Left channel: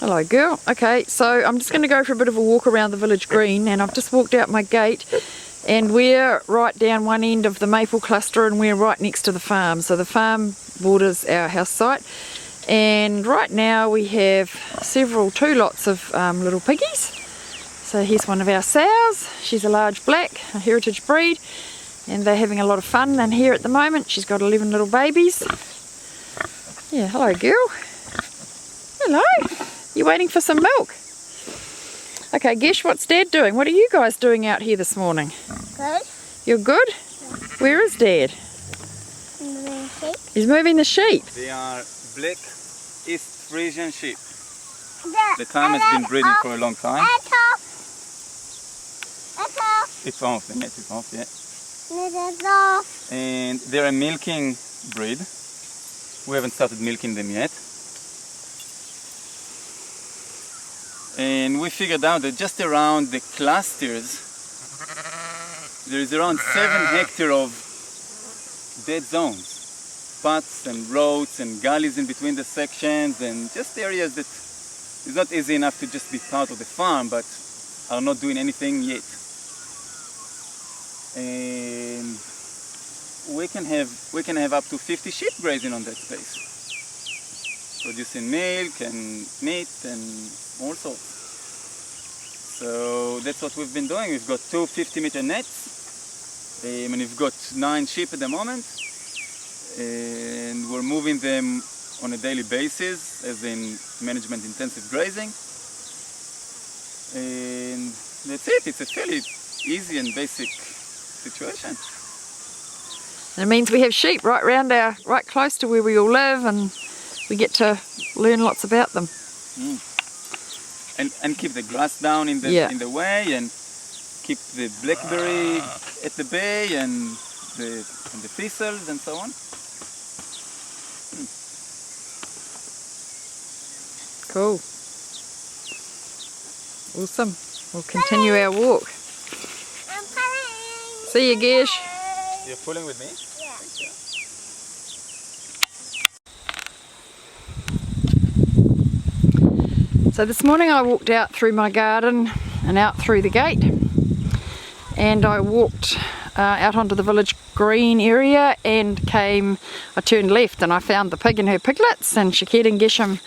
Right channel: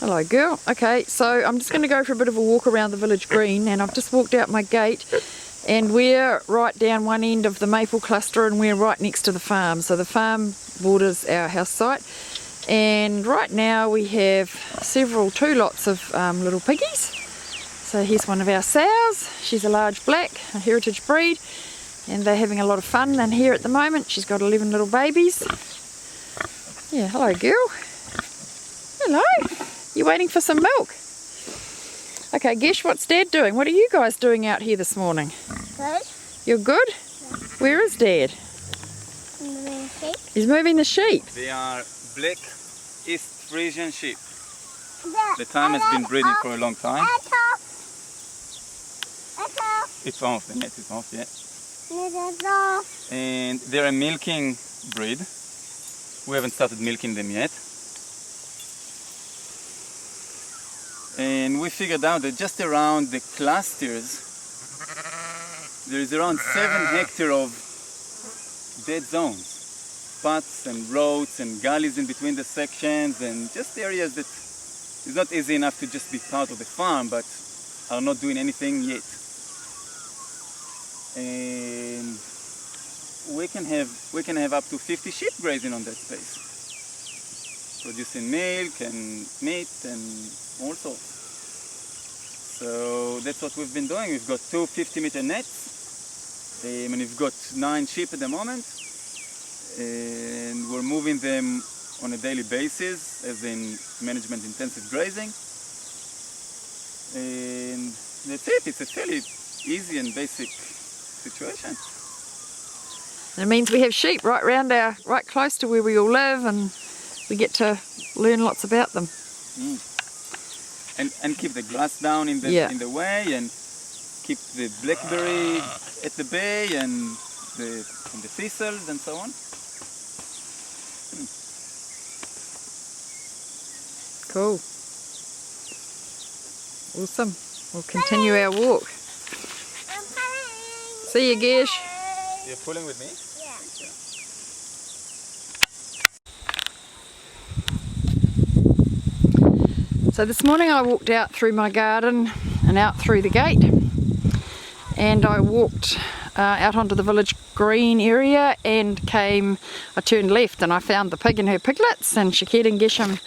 Hello girl. Okay, so I'm just going to go for a bit of a walk around the village green, and I've just walked out my gate and we're right down one end of the maple cluster and we're right next to the farm. So the farm borders our house site, and right now we have two lots of little piggies. So here's one of our sows. She's a large black, a heritage breed, and they're having a lot of fun. And here at the moment she's got 11 little babies. Yeah, hello girl. Hello. You waiting for some milk? Okay, Gesh, what's Dad doing? What are you guys doing out here this morning? Good. You're good? Yeah. Where is Dad? Moving sheep. He's moving the sheep. They are black East Frisian sheep. The time has been breeding for a long time. It's off, the net is off, yeah. It's off. And they're a milking breed. We haven't started milking them yet. And we figured out that just around the clusters there is around 7 hectares of dead zones. Spots and roads and gullies in between the sections, and just areas that is not easy enough to just be part of the farm but are not doing anything yet. And we can have up to 50 sheep grazing on that space, producing milk and meat and all sorts. So that's what we've been doing. We've got 2 50-meter nets, and we've got 9 sheep at the moment, and we're moving them on a daily basis, as in management intensive grazing. And that's it. It's a fairly easy and basic situation. And it means we have sheep right close to where we all live, and we get to learn lots about them. And keep the grass down in the way, and keep the blackberry at the bay, and the thistles and so on. Cool. Awesome. We'll continue our walk. I'm pulling. See you, Gesh. You're pulling with me? Yeah. Thank you. So this morning I walked out through my garden and out through the gate, and I walked out onto the village green area and I turned left and I found the pig and her piglets, and Shaked and Geshem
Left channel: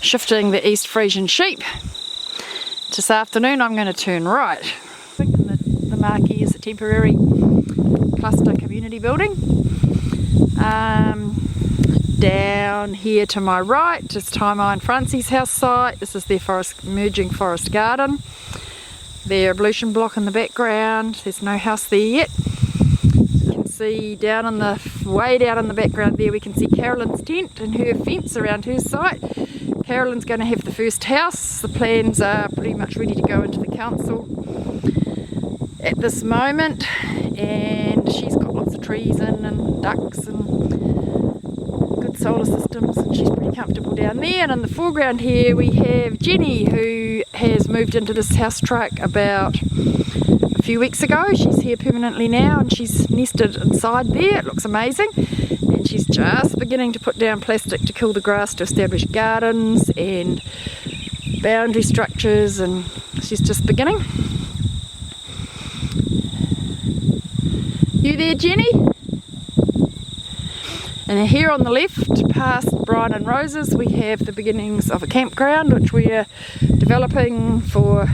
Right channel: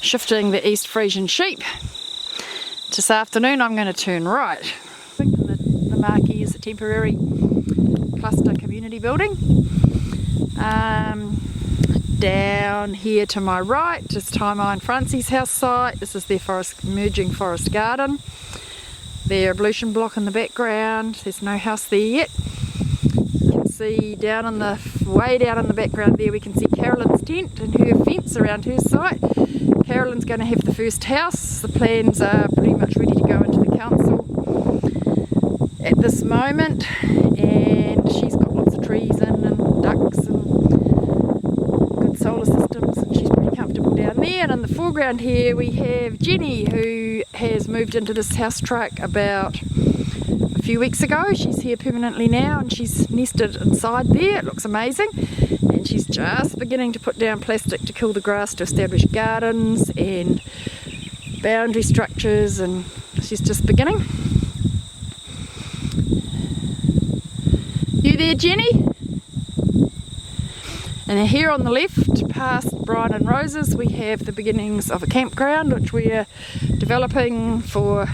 shifting the East Frisian sheep. This afternoon I'm going to turn right. And the marquee is a temporary cluster community building. Down here to my right is Taimai and Francie's house site. This is their emerging forest garden. Their ablution block in the background. There's no house there yet. You can see way down in the background there, we can see Carolyn's tent and her fence around her site. Carolyn's going to have the first house. The plans are pretty much ready to go into the council at this moment, and she's got lots of trees in and ducks and good solar systems, and she's pretty comfortable down there. And in the foreground here we have Jenny, who has moved into this house truck about a few weeks ago. She's here permanently now, and she's nested inside there. It looks amazing, and she's just beginning to put down plastic to kill the grass to establish gardens and boundary structures, and she's just beginning. You there, Jenny? And then here on the left, past Brian and Rose's, we have the beginnings of a campground which we are developing for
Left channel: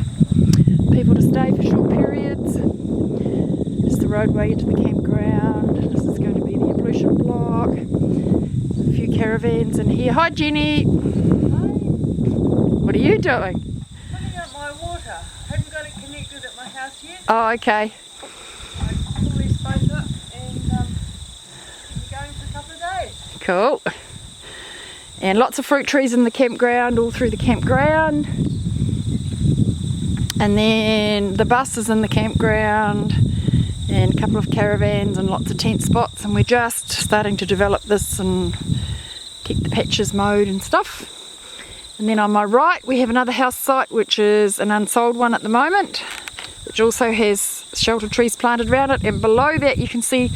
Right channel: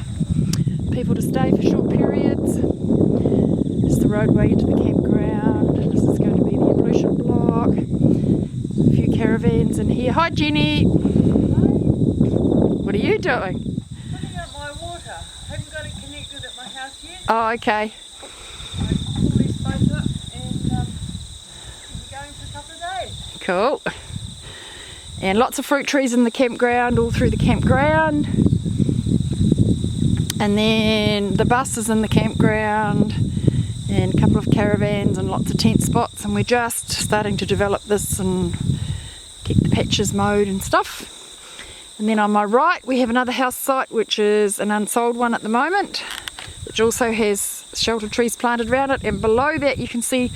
people to stay for short periods. This is the roadway into the campground. This is going to be the ablution block. A few caravans in here. Hi, Jenny. Hi. What are you doing? Putting up my water. Haven't got it connected at my house yet. Oh, okay. I pull these both up and we'll be going for a couple of days. Cool. And lots of fruit trees in the campground, all through the campground. And then the bus is in the campground, and a couple of caravans and lots of tent spots, and we're just starting to develop this and keep the patches mowed and stuff. And then on my right we have another house site which is an unsold one at the moment, which also has shelter trees planted around it, and below that you can see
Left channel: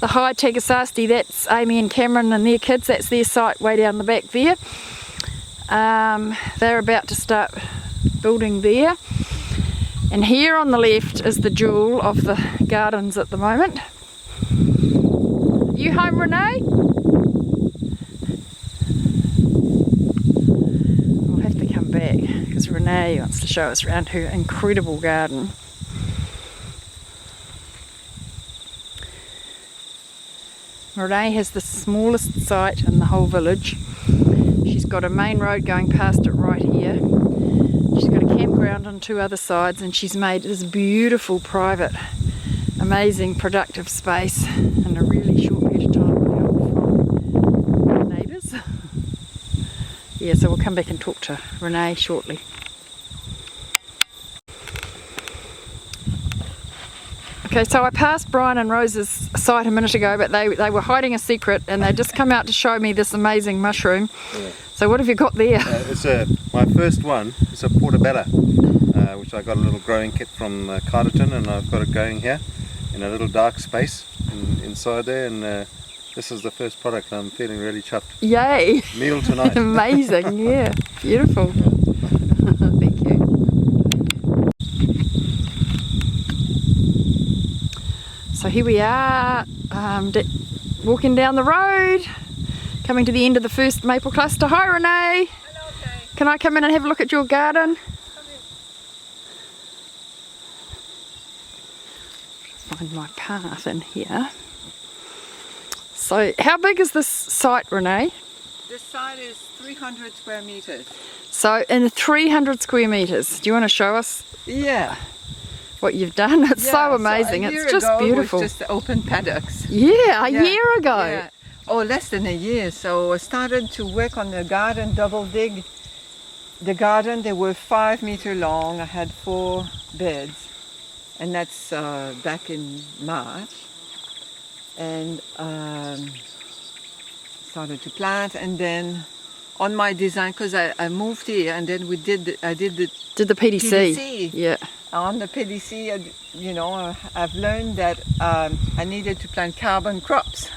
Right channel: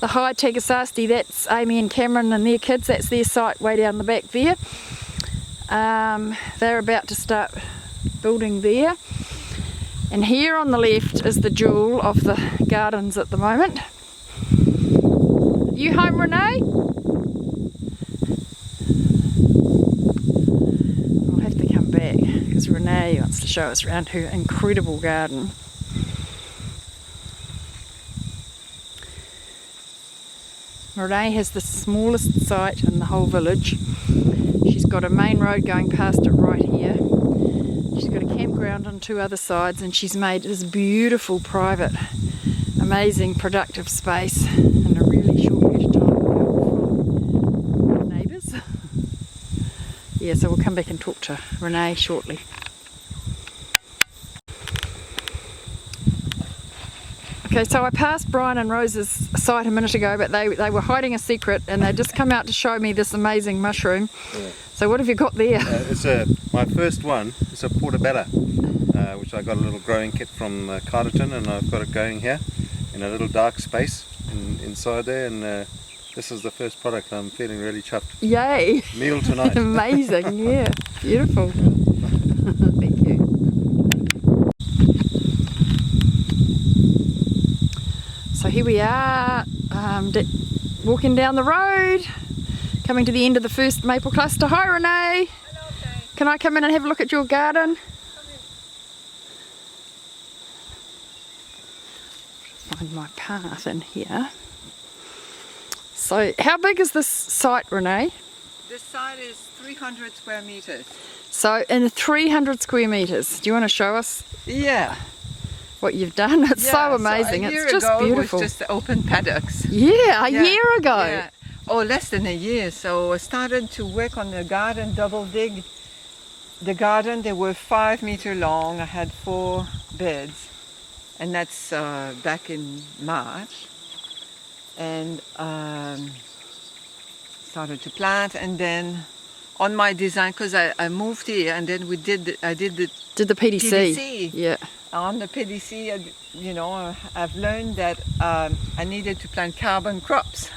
the high Tagasasti. That's Amy and Cameron and their kids. That's their site way down the back there. They're about to start building there. And here on the left is the jewel of the gardens at the moment. You home, Renee? I'll have to come back because Renee wants to show us around her incredible garden. Renee has the smallest site in the whole village. She's got a main road going past it right here. She's got a campground on 2 other sides, and she's made this beautiful, private, amazing, productive space in a really short period of time with help from neighbours. Yeah, so we'll come back and talk to Renee shortly. Okay, so I passed Brian and Rose's site a minute ago, but they were hiding a secret, and they just come out to show me this amazing mushroom. Yeah. So what have you got there? It's my first one. It's a portabella, which I got a little growing kit from Carterton, and I've got it going here in a little dark space inside there. And this is the first product. I'm feeling really chuffed. Yay! Meal tonight. Amazing, yeah, beautiful. Thank you. So here we are, walking down the road, coming to the end of the first maple cluster. Hi Renee! Hello, Kay. Can I come in and have a look at your garden? Come in. Find my path in here. So how big is this site, Renee? This site is 300 square meters. So in 300 square metres, do you want to show us Yeah. what you've done? It's so amazing, a year it's just ago beautiful. It was just open paddocks. Yeah, a Yeah, year ago. Yeah. Oh, less than a year. So I started to work on the garden, double dig the garden. They were 5 meter long. I had 4 beds, and that's back in March. And started to plant, and then on my design, because I moved here, and then I did the Did the PDC. PDC. Yeah. On the PDC, I've learned that I needed to plant carbon crops.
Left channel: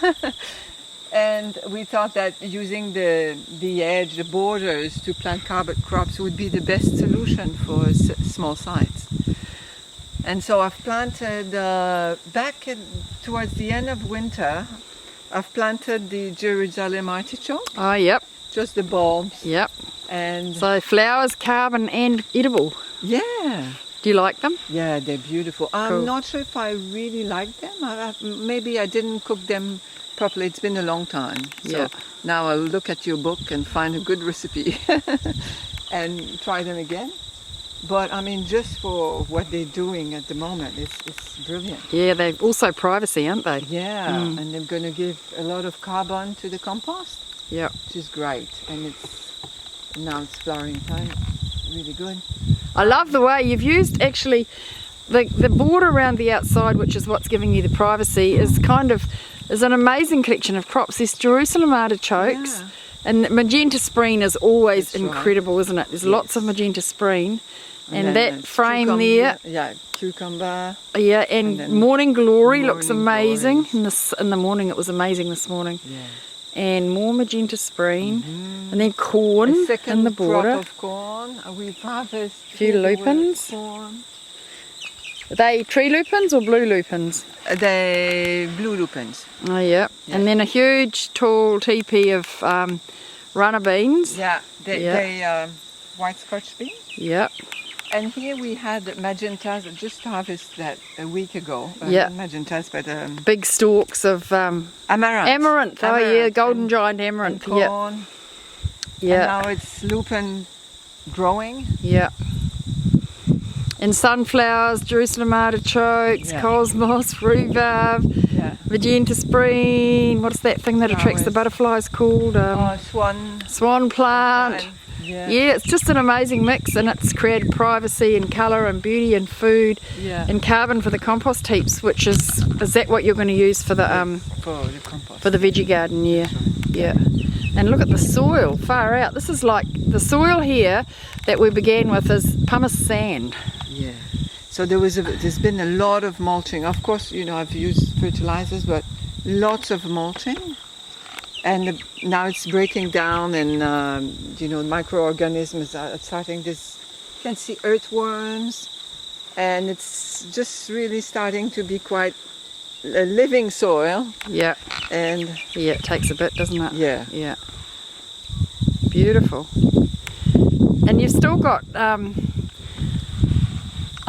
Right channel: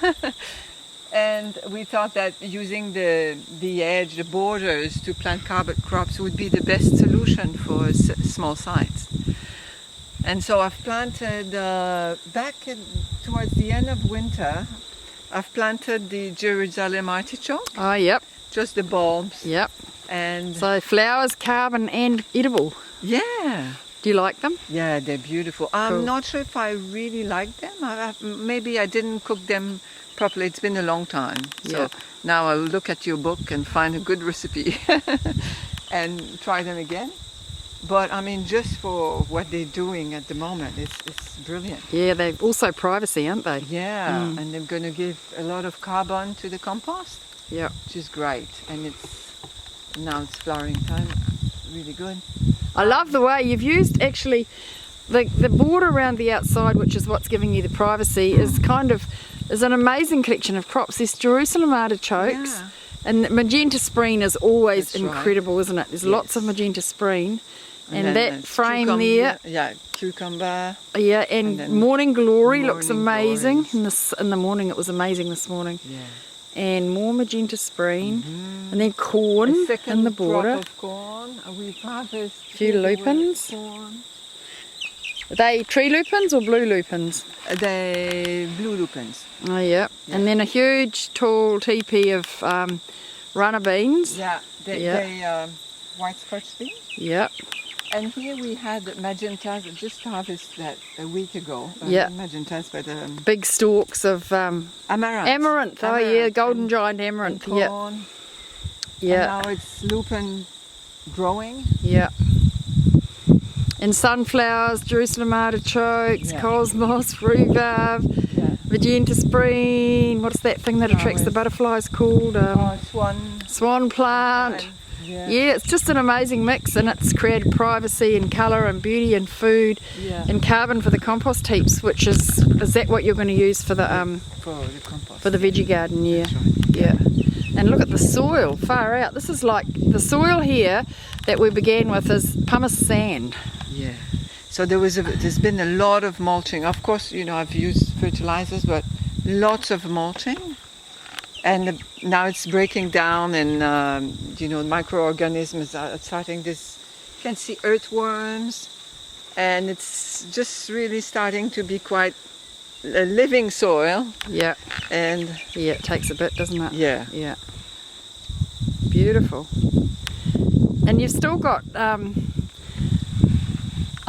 And we thought that using the edge, the borders, to plant carbon crops would be the best solution for small sites. And so I've planted, towards the end of winter, I've planted the Jerusalem artichoke, Oh, yep, just the bulbs. yep. And So flowers, carbon and edible. yeah. Do you like them? Yeah, they're beautiful. Cool. I'm not sure if I really like them. Maybe I didn't cook them properly. It's been a long time. Yeah. So now I'll look at your book and find a good recipe and try them again. But I mean, just for what they're doing at the moment, it's brilliant. Yeah, they're also privacy, aren't they? Yeah, and they're going to give a lot of carbon to the compost, Yep. which is great. And now it's flowering time. Really good. I love the way you've used actually the border around the outside, which is what's giving you the privacy, is an amazing collection of crops. There's Jerusalem artichokes, Yeah. and magenta spreen is always That's right. incredible, isn't it? There's lots of magenta spreen, and then that there's frame cucumber. there, Yeah, cucumber. yeah, and then morning glory looks morning amazing. glories. In the morning, it was amazing this morning. Yeah. And more magenta spreen, and then corn A second in the border. crop of corn. We've harvested Few lupins. corn. Are they tree lupins or blue lupins? The blue lupins. Oh, yeah. Yeah. And then a huge, tall teepee of runner beans. Yeah, they white scotch beans. Yep. And here we had magentas, just harvested that a week ago. Yeah. Not magentas, but Big stalks of amaranth. amaranth. Oh, yeah, Amaranth golden and- giant And amaranth. Yep. corn. Yeah. And now it's lupin growing. Yeah. And sunflowers, Jerusalem artichokes, Yeah. cosmos, rhubarb, Yeah. magenta spreen. What's that thing that attracts the Flowers. butterflies called? Swan Swan plant. Yeah. Yeah, it's just an amazing mix, and it's created privacy and colour and beauty and food Yeah. and carbon for the compost heaps, which is that what you're going to use for the For the compost. for the veggie garden? Yeah, That's right. yeah. And look at the soil, far out. This is like the soil here that we began with is pumice sand. Yeah. So there's been a lot of mulching. Of course, I've used fertilizers, but lots of mulching. and now it's breaking down, and you know, microorganisms are starting this. You can see earthworms, and it's just really starting to be quite a living soil. Yeah. And Yeah, it takes a bit, doesn't it? yeah, Yeah. Beautiful. And you've still got, I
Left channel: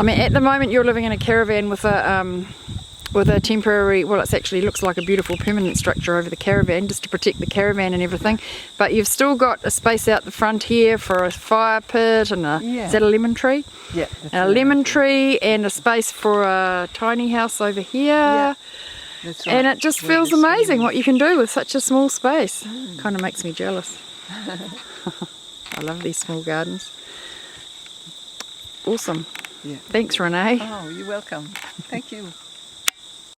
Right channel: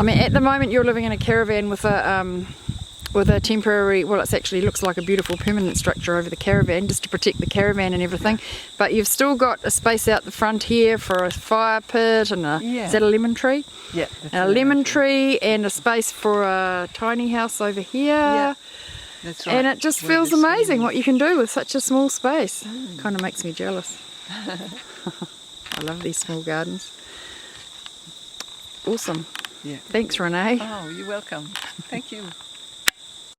mean, at the moment you're living in a caravan with a temporary, well, it actually looks like a beautiful permanent structure over the caravan just to protect the caravan and everything. But you've still got a space out the front here for a fire pit and is that a lemon tree? yeah, And a lemon tree and a space for a tiny house over here. Yeah, that's right. And it just Where feels the amazing stream- what you can do with such a small space. Kind of makes me jealous. I love these small gardens. Awesome. Yeah. Thanks, Renee. Oh, you're welcome. Thank you.